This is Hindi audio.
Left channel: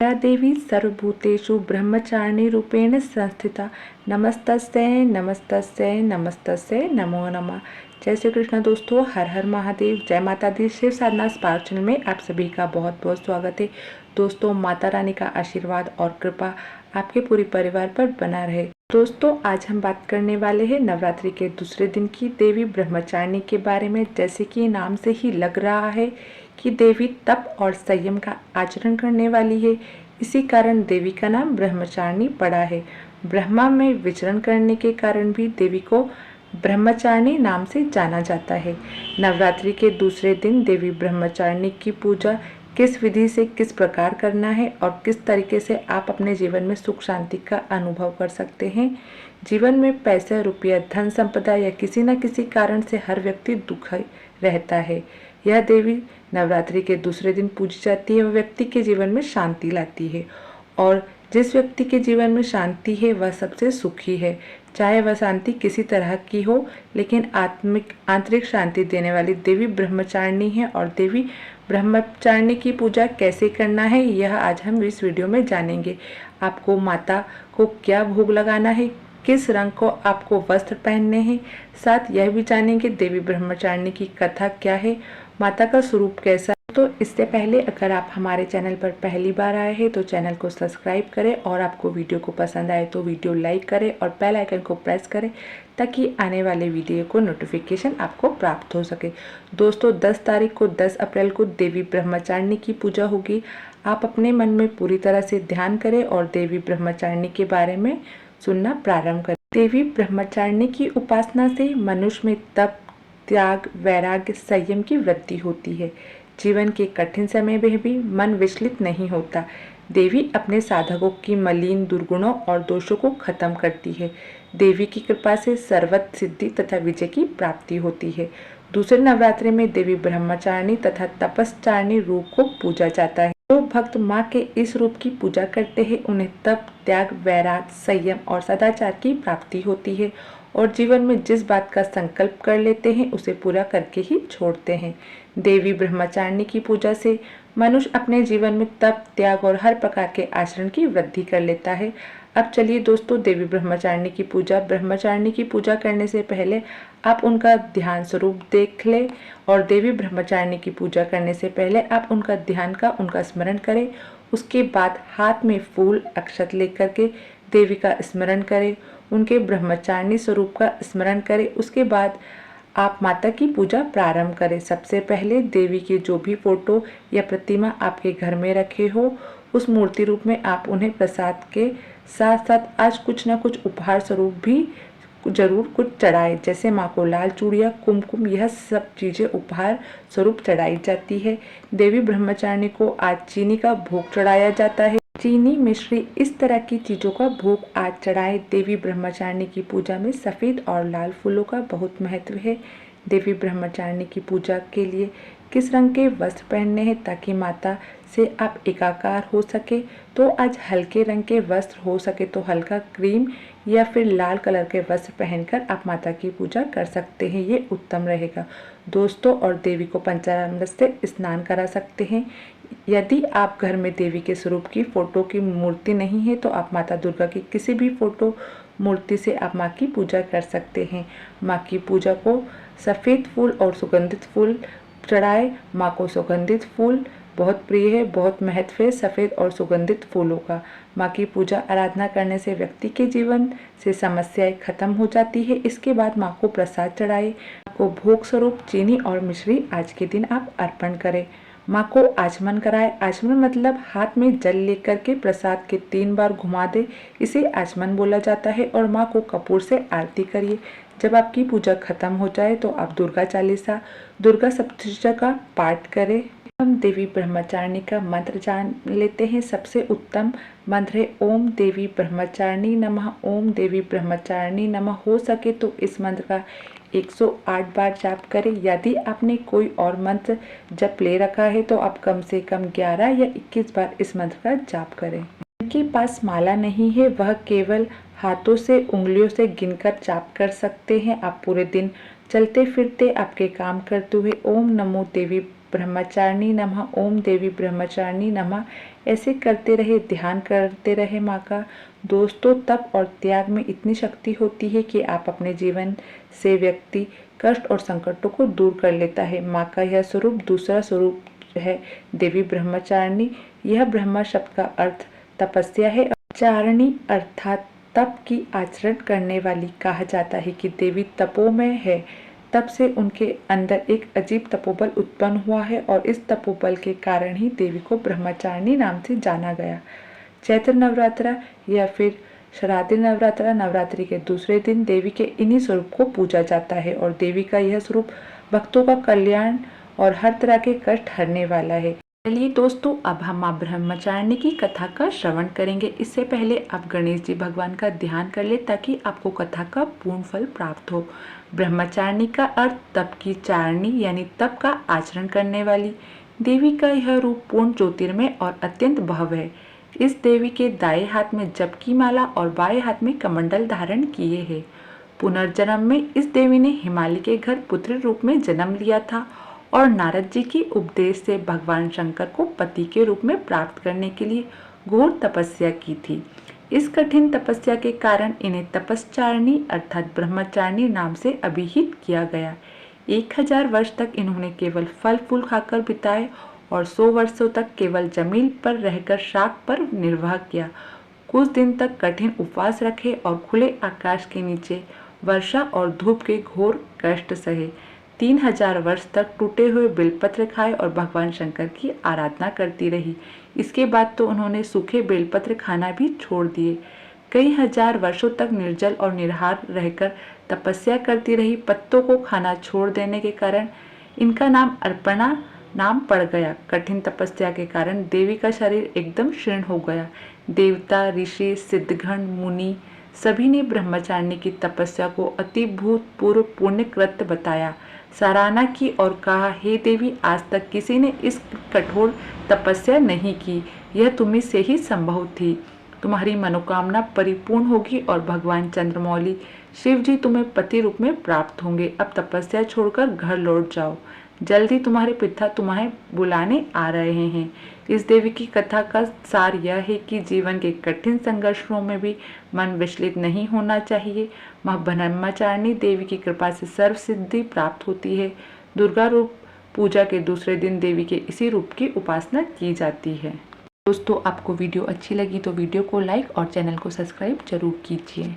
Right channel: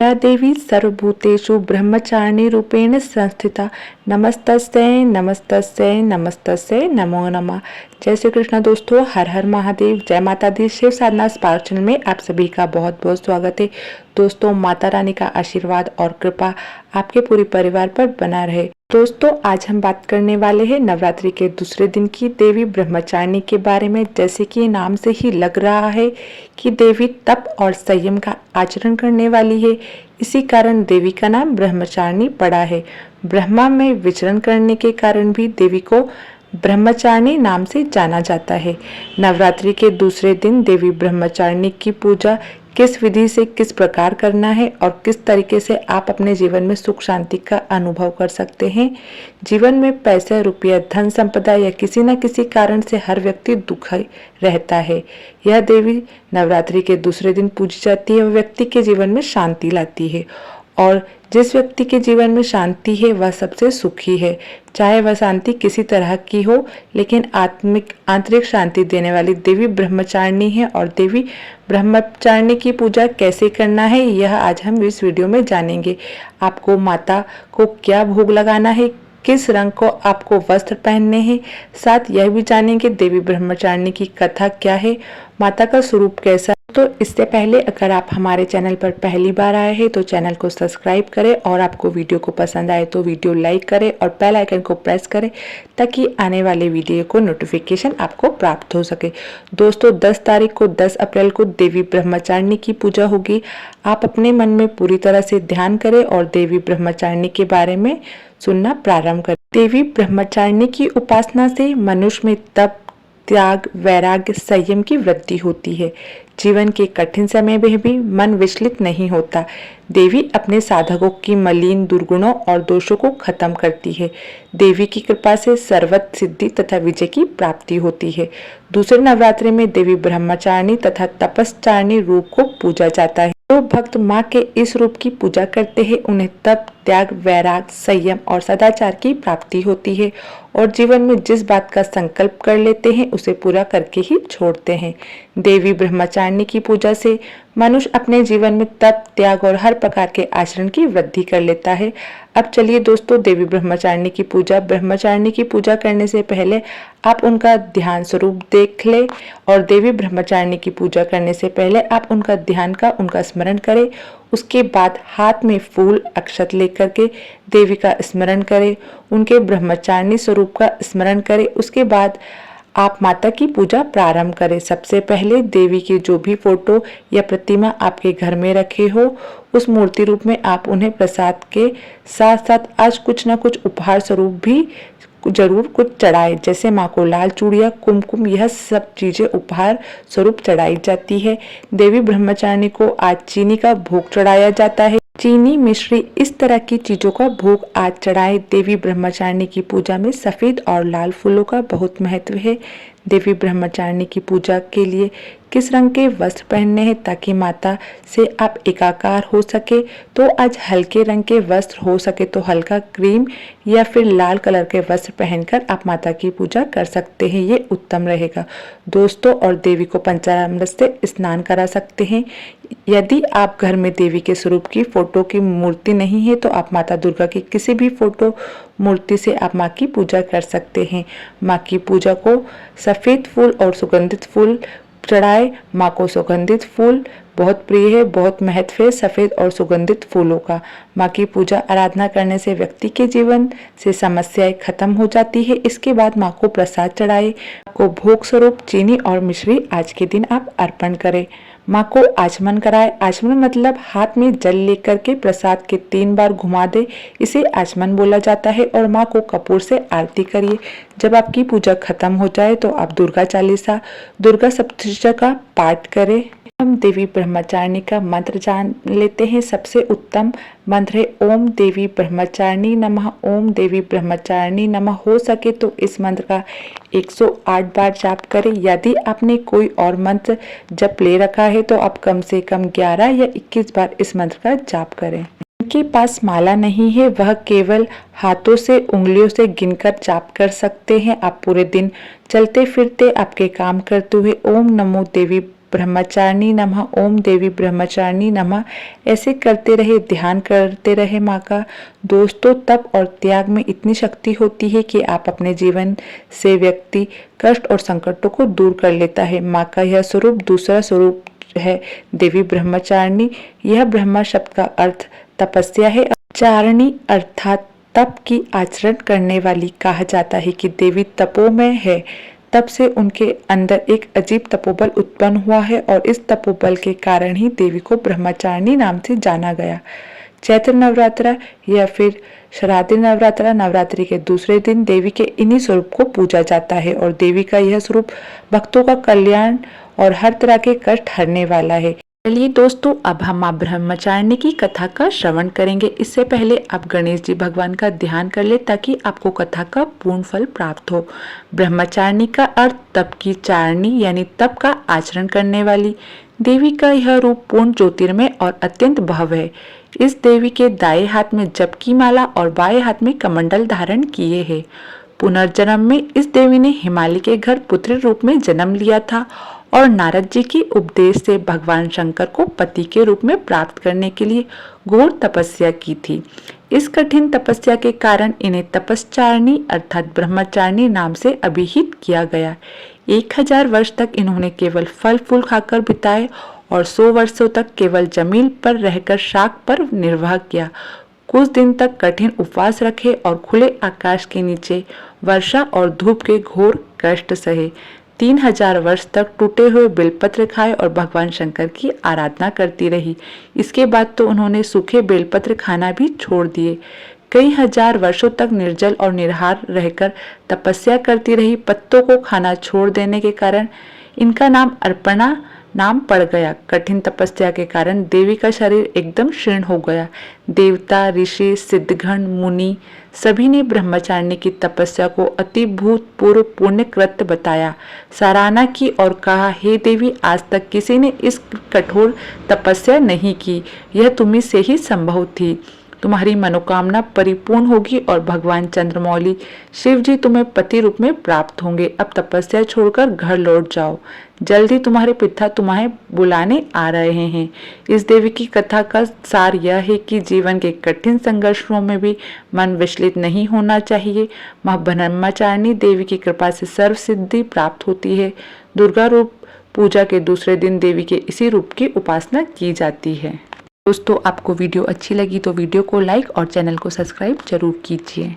या देवी सर्वभूतेषु ब्रह्मचारिणी रूपेण संस्थिता नमस्तस्यै नमस्तस्यै नमस्तस्यै नमो नमः। जय श्री कृष्ण दोस्तों, हर हर महादेव, जय माता दी। शिव साधना स्पार्क चैनल में आप सभी का बहुत बहुत स्वागत है। दोस्तों, माता रानी का आशीर्वाद और कृपा आपके पूरे परिवार पर बना रहे। दोस्तों, आज हम बात करने वाले हैं नवरात्रि के दूसरे दिन की देवी ब्रह्मचारिणी के बारे में। जैसे कि नाम से ही लग रहा है कि देवी तप और संयम का आचरण करने वाली है, इसी कारण देवी का नाम ब्रह्मचारिणी पड़ा है। ब्रह्मा में विचरण करने के कारण भी देवी को ब्रह्मचारिणी नाम से जाना जाता है। नवरात्रि के दूसरे दिन देवी ब्रह्मचारिणी की पूजा किस विधि से किस प्रकार करना है और किस तरीके से आप अपने जीवन में सुख शांति का अनुभव कर सकते हैं। जीवन में पैसे, रुपया, धन संपदा या किसी न किसी कारण से हर व्यक्ति दुखी रहता है। यह देवी नवरात्रि के दूसरे दिन पूजी जाती है और व्यक्ति के जीवन में शांति लाती है। और जिस व्यक्ति के जीवन में शांति है वह सबसे सुखी है, चाहे वह शांति किसी तरह की हो, लेकिन आंतरिक शांति देने वाली देवी ब्रह्मचारिणी है। और देवी ब्रह्मचारिणी की पूजा कैसे करना है यह आज हम इस वीडियो में जानेंगे। आपको माता को क्या भोग लगाना है, किस रंग को आपको वस्त्र पहनने हैं, साथ यह भी जानेंगे देवी ब्रह्मचारिणी की कथा क्या है, माता का स्वरूप कैसा। तो इससे पहले अगर आप हमारे चैनल पर पहली बार आए हैं तो चैनल को सब्सक्राइब करें और आपको वीडियो को पसंद आए तो वीडियो लाइक करें और बेल आइकन को प्रेस करें ताकि आने वाले वीडियो को नोटिफिकेशन आपको प्राप्त हो सके। दोस्तों, 10 तारीख को 10 अप्रैल को देवी ब्रह्मचारिणी की पूजा होगी। आप अपने मन में पूरी तरह से ध्यान करें और देवी ब्रह्मचारिणी के बारे में सुनना प्रारंभ करें। देवी ब्रह्मचारिणी की उपासना से मनुष्य में तप, त्याग, वैराग्य, संयम की वृद्धि होती है। जीवन के कठिन समय में भी मन विचलित नहीं होता। देवी अपने साधकों की मलिन दुर्गुणों और दोषों को खत्म करती है। देवी की कृपा से सर्वत्र सिद्धि तथा विजय की प्राप्ति होती है। दूसरे नवरात्रि में देवी ब्रह्मचारिणी तथा तपस्चारिणी रूप को पूजा जाता है। जो भक्त माँ के इस रूप की पूजा करते हैं उन्हें तप, त्याग, वैराग, संयम और सदाचार की प्राप्ति होती है और जीवन में जिस बात का संकल्प कर लेते हैं उसे पूरा करके ही छोड़ते हैं। देवी ब्रह्मचारिणी की पूजा से मनुष्य अपने जीवन में तप, त्याग और हर प्रकार के आचरण की वृद्धि कर लेता है। अब चलिए दोस्तों, देवी ब्रह्मचारिणी की पूजा करने से पहले आप उनका ध्यान स्वरूप देख ले और देवी ब्रह्मचारिणी की पूजा करने से पहले आप उनका स्मरण करें। उसके बाद हाथ में फूल, अक्षत लेकर के देवी का स्मरण करें, उनके ब्रह्मचारिणी स्वरूप का स्मरण करें। उसके बाद आप माता की पूजा प्रारंभ करें। सबसे पहले देवी की जो भी फोटो या प्रतिमा आपके घर में रखे हो उस मूर्ति रूप में आप उन्हें प्रसाद के साथ साथ आज कुछ न कुछ उपहार स्वरूप भी जरूर कुछ चढ़ाए। जैसे माँ को लाल चूड़िया, कुमकुम, यह सब चीजें उपहार स्वरूप चढ़ाई जाती है। देवी ब्रह्मचारिणी को आज चीनी का भोग चढ़ाया जाता है। चीनी, मिश्री, इस तरह की चीजों का भोग आज चढ़ाए। देवी ब्रह्मचारिणी की पूजा में सफेद और लाल फूलों का बहुत महत्व है। देवी ब्रह्मचारिणी की पूजा के लिए किस रंग के वस्त्र पहनने हैं ताकि माता से आप एकाकार हो सके, तो आज हल्के रंग के वस्त्र, हो सके तो हल्का क्रीम या फिर लाल कलर के वस्त्र पहनकर आप माता की पूजा कर सकते हैं, ये उत्तम रहेगा दोस्तों। और देवी को पंचामृत से स्नान करा सकते हैं। यदि आप घर में देवी के स्वरूप की फोटो की मूर्ति नहीं है तो आप माता दुर्गा की किसी भी फोटो मूर्ति से आप माँ की पूजा कर सकते हैं। माँ की पूजा को सफ़ेद फूल और सुगंधित फूल चढ़ाए। माँ को सुगंधित फूल बहुत प्रिय है, बहुत महत्व है सफ़ेद और सुगंधित फूलों का। माँ की पूजा आराधना करने से व्यक्ति के जीवन से समस्याएं खत्म हो जाती है। इसके बाद माँ को प्रसाद चढ़ाए। माँ को भोग स्वरूप चीनी और मिश्री आज के दिन आप अर्पण करें। माँ को आचमन कराए। आचमन मतलब हाथ में जल लेकर के प्रसाद के 3 बार घुमा दे, इसे आचमन बोला जाता है। और माँ को कपूर से आरती करिए। जब आपकी पूजा खत्म हो जाए तो आप दुर्गा चालीसा, दुर्गा सप्तशती का पाठ करें। हम देवी ब्रह्मचारिणी का मंत्र जान लेते हैं। सबसे उत्तम मंत्र है ओम देवी ब्रह्मचारिणी नमः, ओम देवी ब्रह्मचारिणी नमः। हो सके तो इस मंत्र का 108 बार जाप करें। यदि आपने कोई और मंत्र जप ले रखा है तो आप कम से कम 11 या 21 बार इस मंत्र का जाप करें। जिनके पास माला नहीं है वह केवल हाथों से, उंगलियों से गिनकर जाप कर सकते हैं। आप पूरे दिन चलते फिरते, आपके काम करते हुए ओम नमो देवी ब्रह्मचारिणी नमः, ओम देवी ब्रह्मचारिणी नमः। ऐसे करते रहे, ध्यान करते रहे माँ का। दोस्तों, तप और त्याग में इतनी शक्ति होती है कि आप अपने जीवन से व्यक्ति कष्ट और संकटों को दूर कर लेता है। माँ का यह स्वरूप दूसरा स्वरूप है देवी ब्रह्मचारिणी। यह ब्रह्मा शब्द का अर्थ तपस्या है। चारिणी अर्थात तप की आचरण करने वाली। कहा जाता है कि देवी तपोमय है, तब से उनके अंदर एक अजीब तपोबल उत्पन्न हुआ है और इस तपोबल के कारण ही देवी को ब्रह्मचारिणी नाम से जाना गया। चैत्र नवरात्रा या फिर शारदीय नवरात्रा, नवरात्रि के दूसरे दिन देवी के इन्हीं स्वरूप को पूजा जाता है और देवी का यह स्वरूप भक्तों का कल्याण और हर तरह के कष्ट हरने वाला है। चलिए दोस्तों, अब हम माँ ब्रह्मचारिणी की कथा का श्रवण करेंगे। इससे पहले आप गणेश जी भगवान का ध्यान कर ले ताकि आपको कथा का पूर्ण फल प्राप्त हो। ब्रह्मचारिणी का अर्थ तप की चारिणी यानी तप का आचरण करने वाली। देवी का यह रूप पूर्ण ज्योतिर्मय और अत्यंत भव्य है। इस देवी के दाएं हाथ में जप की माला और बाएं हाथ में कमंडल धारण किए है। पुनर्जन्म में इस देवी ने हिमालय के घर पुत्री रूप में जन्म लिया था और नारद जी के उपदेश से भगवान शंकर को पति के रूप में प्राप्त करने के लिए घोर तपस्या की थी। इस कठिन तपस्या के कारण इन्हें तपस्चारिणी अर्थात ब्रह्मचारिणी नाम से अभिहित किया गया। 1000 वर्ष तक इन्होंने केवल फल फूल खाकर बिताए और 100 वर्षों तक केवल जमीन पर रहकर शाक पर निर्वाह किया। कुछ दिन तक कठिन उपवास रखे और खुले आकाश के नीचे वर्षा और धूप के घोर कष्ट सहे। 3000 वर्ष तक टूटे हुए बेलपत्र खाए और भगवान शंकर की आराधना करती रही। इसके बाद तो उन्होंने सूखे बेलपत्र खाना भी छोड़ दिए। कई हजार वर्षों तक निर्जल और निराहार रहकर तपस्या करती रही। पत्तों को खाना छोड़ देने के कारण इनका नाम अर्पणा नाम पड़ गया। कठिन तपस्या के कारण देवी का शरीर एकदम क्षीण हो गया। देवता, ऋषि, सिद्धगण, मुनि सभी ने ब्रह्मचारिणी की तपस्या को अति भूतपूर्व पुण्य कृत्य बताया, सराहना की और कहा, हे देवी, आज तक किसी ने इस कठोर तपस्या नहीं की। यह तुम्ही से ही संभव थी। तुम्हारी मनोकामना परिपूर्ण होगी और भगवान चंद्रमौली शिव जी तुम्हें पति रूप में प्राप्त होंगे। अब तपस्या छोड़कर घर लौट जाओ, जल्दी तुम्हारे पिता तुम्हें बुलाने आ रहे हैं। इस देवी की कथा का सार यह है कि जीवन के कठिन संघर्षों में भी मन विचलित नहीं होना चाहिए। मां ब्रह्मचारिणी देवी की कृपा से सर्व सिद्धि प्राप्त होती है। दुर्गा रूप पूजा के दूसरे दिन देवी के इसी रूप की उपासना की जाती है। दोस्तों, आपको वीडियो अच्छी लगी तो वीडियो को लाइक और चैनल को सब्सक्राइब जरूर कीजिए।